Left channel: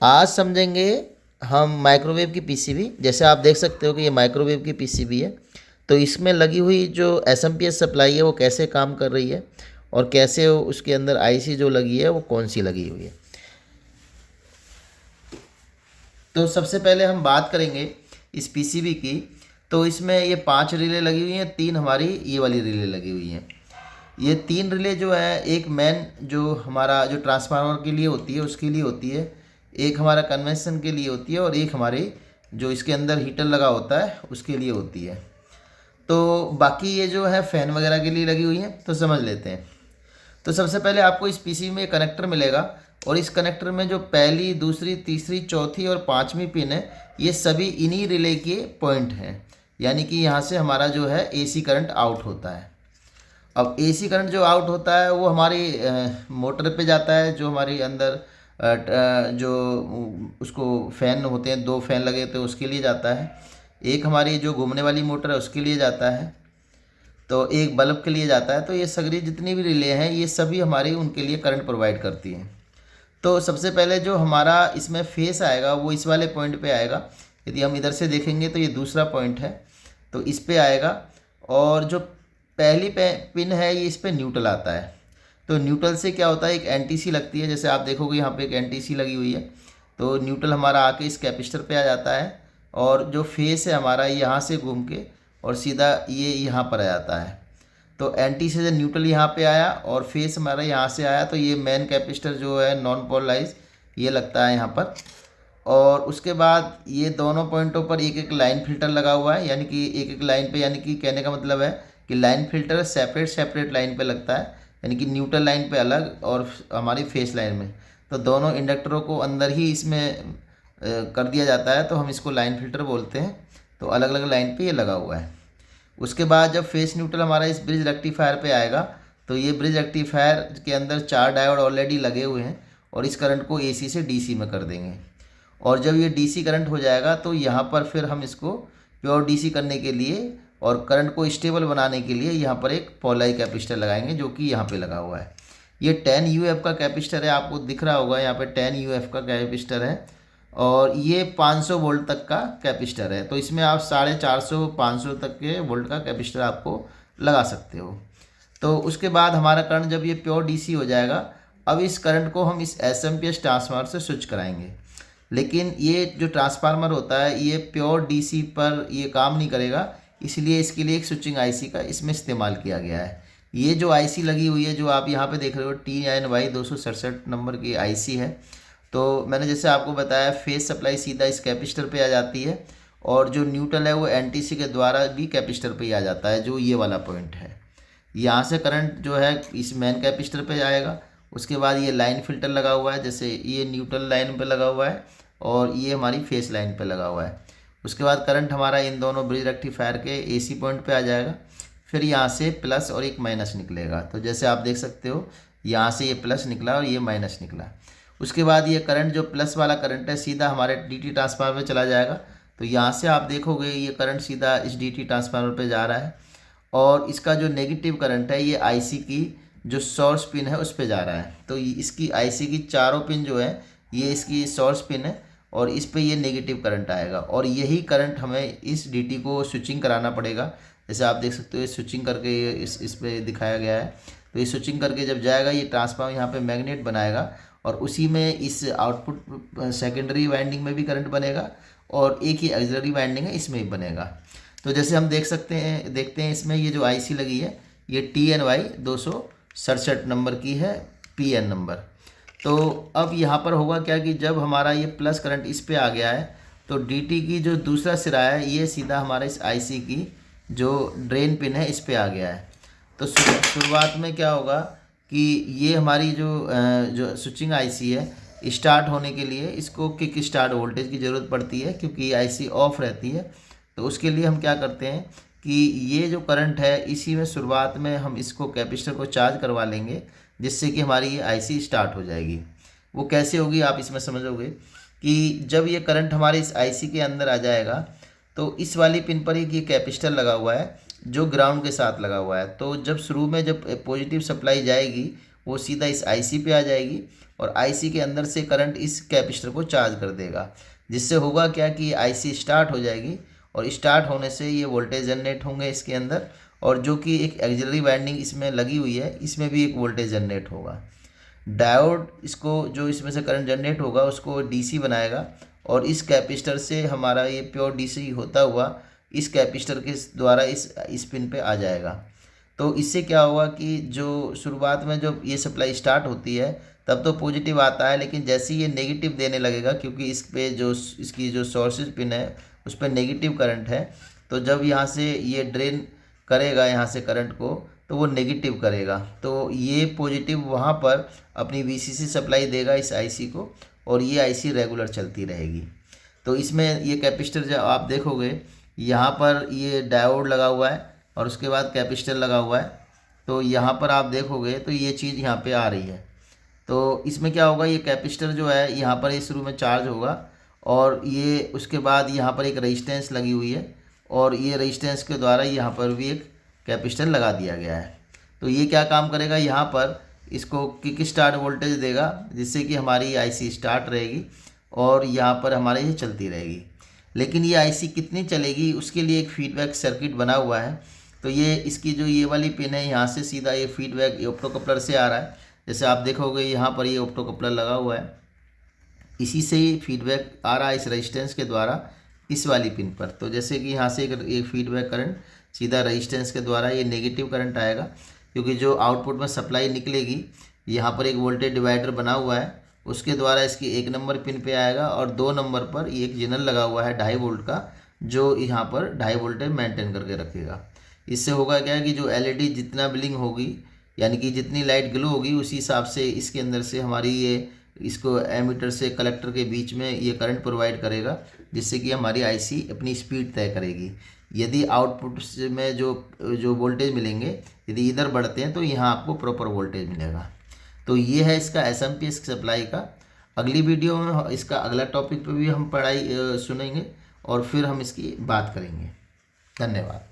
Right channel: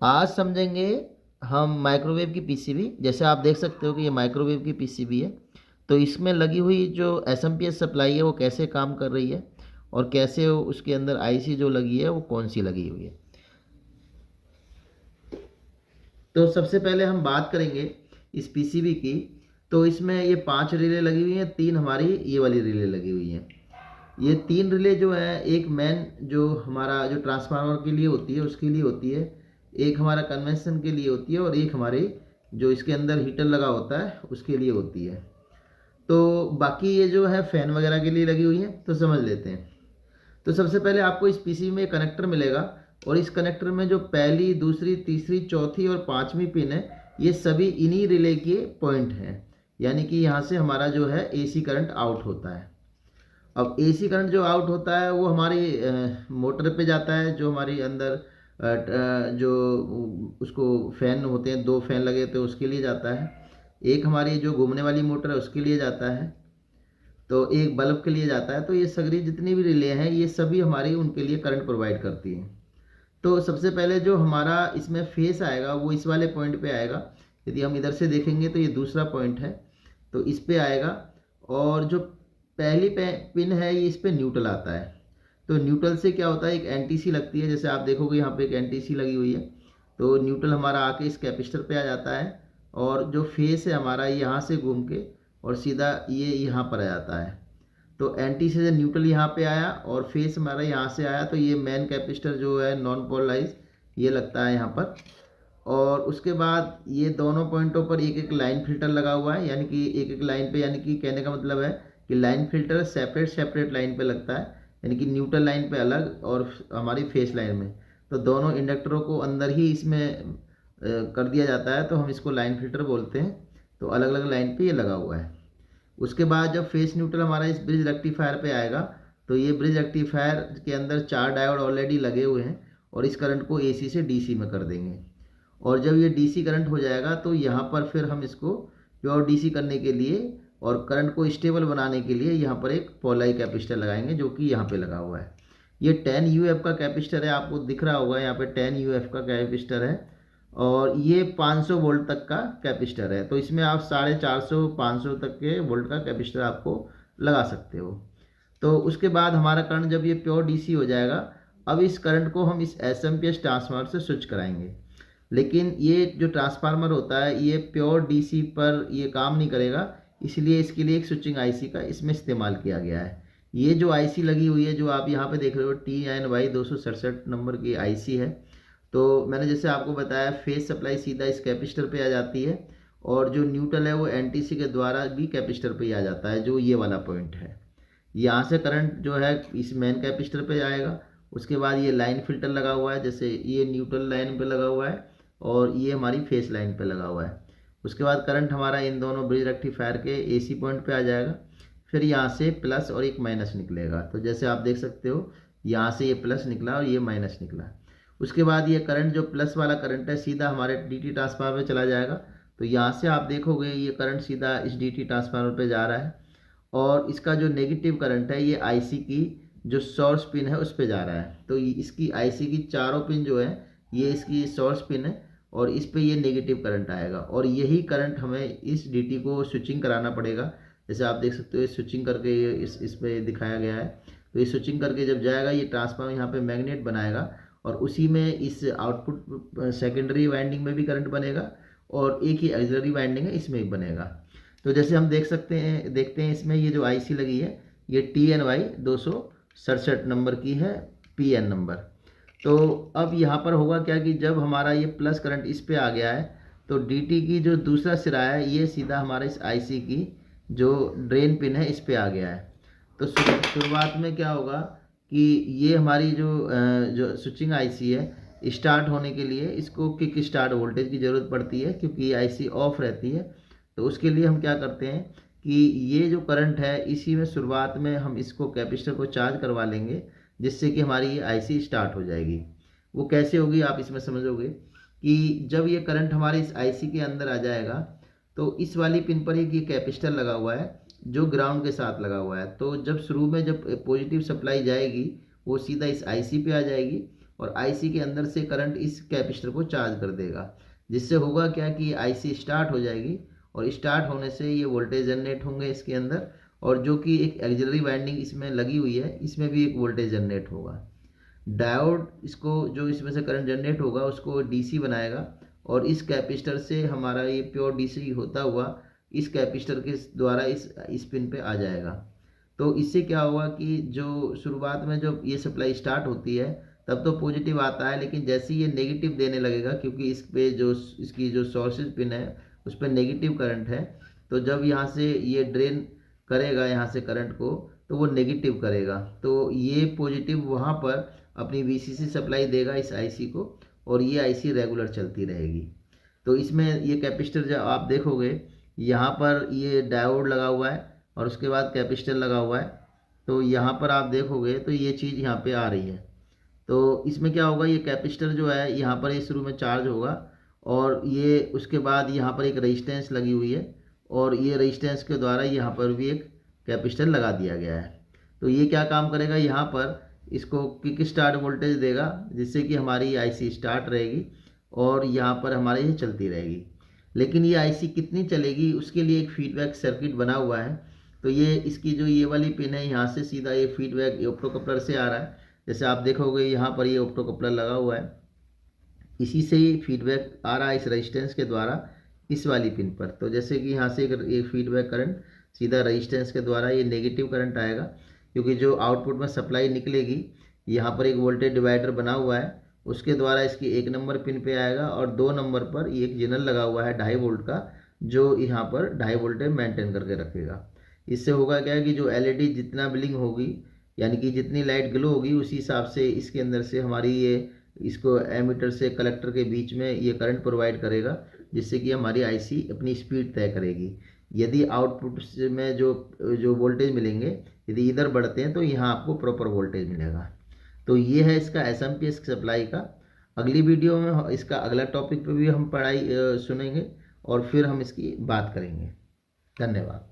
आज समझेंगे हम माइक्रोवेव की पीसीबी। जैसे आप देख सकते हो कि ये माइक्रोवेव की पीसीबी है, तो इसमें लगी हुई जो एसएमपीएस सप्लाई है वो कैसे काम कर रही है और कैसे उसके अंदर आईसी जो लगी है वो कौन सी लगी हुई है। तो सबसे पहले हम बात करेंगे इस पीसीबी की। तो इसमें ये 5 रिले लगी हुई हैं, 3 हमारी ये वाली रिले लगी हुई हैं। ये 3 रिले जो है, एक मेन जो हमारा जो ट्रांसफार्मर के लिए होती है उसके लिए होती है, एक हमारा कन्वेंशन के लिए होती है और एक हमारे जो इसके अंदर हीटर लगा होता है उसके लिए होती है। तो बाकी ये जो है फ़ैन वगैरह के लिए लगी हुई है, तो समझ लेते हैं। तो सबसे पहले आपको इस पीसीबी में कनेक्टर मिलेगा और इस कनेक्टर में जो पहली, दूसरी, तीसरी, चौथी और पांचवी पिन है, ये सभी इन्हीं रिले के पॉइंट हैं। यानी कि यहाँ से हमारा जो है एसी करंट आउट होता है। अब एसी करंट जो आउट होता है वो हमारी मोटर पे जाता है, जो हमारी अंदर जो उसको फ़ैन होते हैं, 2 फ़ैन लगे तो उसके लिए जाता है। एक हमारी जो घूमने वाली मोटर है उसके लिए जाता है, तो एक बल्ब के लिए जाता है। तो ये सगरी जितनी भी रिले हैं ये सभी हमारी उनके लिए करंट प्रोवाइड करती हैं। तो सबसे पहले जो हमारा इसमें फेस आएगा वो इस वाले पॉइंट पे आएगा। यदि हम इधर से देखेंगे तो ये दूसरा पॉइंट है, तो इस पे आएगा। और जो पहली पिन है ये इस पे न्यूट्रल आता है। तो न्यूट्रल से क्या होता है, एक एनटीसी लगती है। जैसे आप देखोगे यहाँ पे एक एनटीसी लगी हुई है, तो न्यूट्रल हमारा आके इस कैपेसिटर पे आ जाता है और जो फेस है हमारा यहाँ से घूम के और सीधा ये यहाँ पर आ जाता है। तो एंटी से जो न्यूट्रल यहाँ पे आया और फेस हमारा यहाँ से आया, तो ये मेन कैपेसिटर जो है नॉन पोलराइज ये लगता है यहाँ पर। और उसके बाद ये दोनों पॉइंटों पर एक एक लाइन फिल्टर लगा हुआ है, यानी कि एक एक लाइन पे, यानी कि कहने का मतलब है कि line filter separate separate line पे लगता है, यानी कि न्यूट्रल लाइन पे अलग और हमारी फेस लाइन में। तो दोनों इंडक्टरों को अंदर ही इसमें कर दिया जाता है, तो हम इसको लाइन फिल्टर बोलते हैं। तो अलग अलग लाइन पे ये लगा हुआ है। उसके बाद जब फेस न्यूट्रल हमारा इस ब्रिज रेक्टिफायर पे आएगा, तो ये ब्रिज रेक्टिफायर के अंदर 4 डायोड ऑलरेडी लगे हुए हैं और इस करंट को एसी से डीसी में कर देंगे। और जब ये डीसी करंट हो जाएगा तो यहाँ पर फिर हम इसको प्योर डीसी करने के लिए और करंट को स्टेबल बनाने के लिए यहाँ पर एक पोलराइज कैपेसिटर लगाएंगे, जो कि यहाँ पे लगा हुआ है। ये 10 यूएफ का कैपेसिटर है, आपको दिख रहा होगा यहाँ पे 10 यूएफ का कैपेसिटर है और ये 500 वोल्ट तक का कैपेसिटर है। तो इसमें आप 450 500 तक के वोल्ट का कैपेसिटर आपको लगा सकते हो। तो उसके बाद हमारा करंट जब ये प्योर डीसी हो जाएगा, अब इस करंट को हम इस एसएमपीएस ट्रांसफार्मर से स्विच कराएंगे। लेकिन ये जो ट्रांसफार्मर होता है ये प्योर डीसी पर ये काम नहीं करेगा, इसलिए इसके लिए एक स्विचिंग आईसी का इसमें इस्तेमाल किया गया है। ये जो आईसी लगी हुई है, जो आप यहाँ पे देख रहे हो, TNY 267 नंबर की आईसी है। तो मैंने जैसे आपको बताया, फेस सप्लाई सीधा इस कैपेसिटर पे आ जाती है और जो न्यूट्रल है वो एनटीसी के द्वारा भी कैपेसिटर पे ही आ जाता है, जो ये वाला पॉइंट है। यहाँ से करंट जो है इस मेन कैपेसिटर पे जाएगा। उसके बाद ये लाइन फिल्टर लगा हुआ है, जैसे ये न्यूट्रल लाइन पे लगा हुआ है और ये हमारी फेस लाइन पे लगा हुआ है। उसके बाद करंट हमारा इन दोनों ब्रिज रेक्टिफायर के एसी पॉइंट पे आ जाएगा। फिर यहाँ से प्लस और एक माइनस निकलेगा। तो जैसे आप देख सकते हो, यहाँ से ये प्लस निकला और ये माइनस निकला। उसके बाद ये करंट जो प्लस वाला करंट है सीधा हमारे डीटी ट्रांसफार्मर में चला जाएगा। तो यहाँ से आप देखोगे ये करंट सीधा इस डीटी ट्रांसफार्मर पे जा रहा है और इसका जो नेगेटिव करंट है ये आईसी की जो सोर्स पिन है उस पे जा रहा है। तो इसकी आईसी की चारों पिन जो है ये इसकी सोर्स पिन है और इस पे ये नेगेटिव करंट आएगा और यही करंट हमें इस डीटी को स्विचिंग कराना पड़ेगा। जैसे आप देख सकते हो, ये स्विचिंग करके इस पे दिखाया गया है। तो ये स्विचिंग करके जब जाएगा, ये ट्रांसफार्मर यहाँ पे मैग्नेट बनाएगा और उसी में इस आउटपुट सेकेंडरी वाइंडिंग में भी करंट बनेगा और एक ही ऑक्सिलरी वाइंडिंग है इसमें भी बनेगा। तो जैसे हम देखते हैं इसमें ये जो आईसी लगी है ये TNY 267 नंबर की है, PN नंबर। तो अब यहाँ पर होगा क्या कि जब हमारा ये प्लस करंट इस पे आ गया है, तो डीटी की जो दूसरा सिरा है ये सीधा हमारा इस आईसी की जो ड्रेन पिन है इस पे आ गया है। तो शुरुआत में क्या होगा कि ये हमारी जो स्विचिंग आईसी है, स्टार्ट होने के लिए इसको किक स्टार्ट वोल्टेज की ज़रूरत पड़ती है, क्योंकि ये आईसी ऑफ रहती है। तो उसके लिए हम क्या करते हैं कि ये जो करंट है इसी में शुरुआत में हम इसको कैपेसिटर को चार्ज करवा लेंगे, जिससे कि हमारी ये आईसी स्टार्ट हो जाएगी। वो कैसे होगी आप इसमें समझोगे कि जब ये करंट हमारे इस आईसी के अंदर आ जाएगा, तो इस वाली पिन पर एक ये कैपेसिटर लगा हुआ है जो ग्राउंड के साथ लगा हुआ है। तो जब शुरू में जब पॉजिटिव सप्लाई जाएगी वो सीधा इस आईसी पे आ जाएगी और आईसी के अंदर से करंट इस कैपेसिटर को चार्ज कर देगा, जिससे होगा क्या कि आईसी स्टार्ट हो जाएगी और स्टार्ट होने से ये वोल्टेज जनरेट होंगे इसके अंदर, और जो कि एक एक्सिलरी वाइंडिंग इसमें लगी हुई है इसमें भी एक वोल्टेज जनरेट होगा। डायोड इसको जो इसमें से करंट जनरेट होगा उसको डीसी बनाएगा और इस कैपेसिटर से हमारा ये प्योर डीसी होता हुआ इस कैपेसिटर के द्वारा इस पिन पे आ जाएगा। तो इससे क्या होगा कि जो शुरुआत में जब ये सप्लाई स्टार्ट होती है तब तो पॉजिटिव आता है, लेकिन जैसे ही ये नेगेटिव देने लगेगा क्योंकि इस पे जो इसकी जो सोर्सेज पिन है उस पर नेगेटिव करंट है, तो जब यहाँ से ये ड्रेन करेगा यहाँ से करंट को तो वो नेगेटिव करेगा, तो ये पॉजिटिव वहाँ पर अपनी वीसीसी सप्लाई देगा इस आईसी को और ये आईसी रेगुलर चलती रहेगी। तो इसमें ये कैपेसिटर जब आप देखोगे यहाँ पर ये डायोड लगा हुआ है और उसके बाद कैपेसिटर लगा हुआ है, तो यहाँ पर आप देखोगे तो ये चीज़ यहाँ पे आ रही है। तो इसमें क्या होगा, ये कैपेसिटर जो है यहाँ पर ये शुरू में चार्ज होगा और ये उसके बाद यहाँ पर एक रेजिस्टेंस लगी हुई है और ये रेजिस्टेंस के द्वारा यहाँ पर भी एक कैपेसिटर लगा दिया गया है। तो ये क्या काम करेगा, यहाँ पर इसको किक स्टार्ट वोल्टेज देगा जिससे कि हमारी आईसी स्टार्ट रहेगी और यहाँ पर हमारे ये चलती रहेगी। लेकिन ये आईसी कितनी चलेगी उसके लिए एक फीडबैक सर्किट बना हुआ है। तो ये इसकी जो ये वाली पिन है यहाँ से सीधा ये फीडबैक ऑप्टो कपलर से आ रहा है, जैसे आप देखोगे यहाँ पर ये ऑप्टो कपलर लगा हुआ है, इसी से ही फीडबैक आ रहा है इस रेजिस्टेंस के द्वारा इस वाली पिन पर। तो जैसे कि यहाँ से एक फीडबैक करंट सीधा रेजिस्टेंस के द्वारा ये नेगेटिव करंट आएगा, क्योंकि जो आउटपुट में सप्लाई निकलेगी यहाँ पर एक वोल्टेज डिवाइडर बना हुआ है उसके द्वारा इसकी 1 नंबर पिन पे आएगा और 2 नंबर पर ये एक जेनर लगा हुआ है 2.5 वोल्ट का, जो यहाँ पर 2.5 वोल्टेज मेंटेन करके रखेगा। इससे होगा क्या है कि जो एलईडी जितना ब्लिंक होगी यानी कि जितनी लाइट ग्लो होगी उसी हिसाब से इसके अंदर से हमारी ये इसको एमीटर से कलेक्टर के बीच में ये करंट प्रोवाइड करेगा, जिससे कि हमारी आईसी अपनी स्पीड तय करेगी। यदि आउटपुट में जो वोल्टेज मिलेंगे यदि इधर बढ़ते हैं तो यहाँ आपको प्रॉपर वोल्टेज मिलेगा। तो ये है इसका एसएमपीएस सप्लाई का। अगली वीडियो में इसका अगला टॉपिक पे भी हम पढ़ाई सुनेंगे और फिर हम इसकी बात करेंगे। धन्यवाद।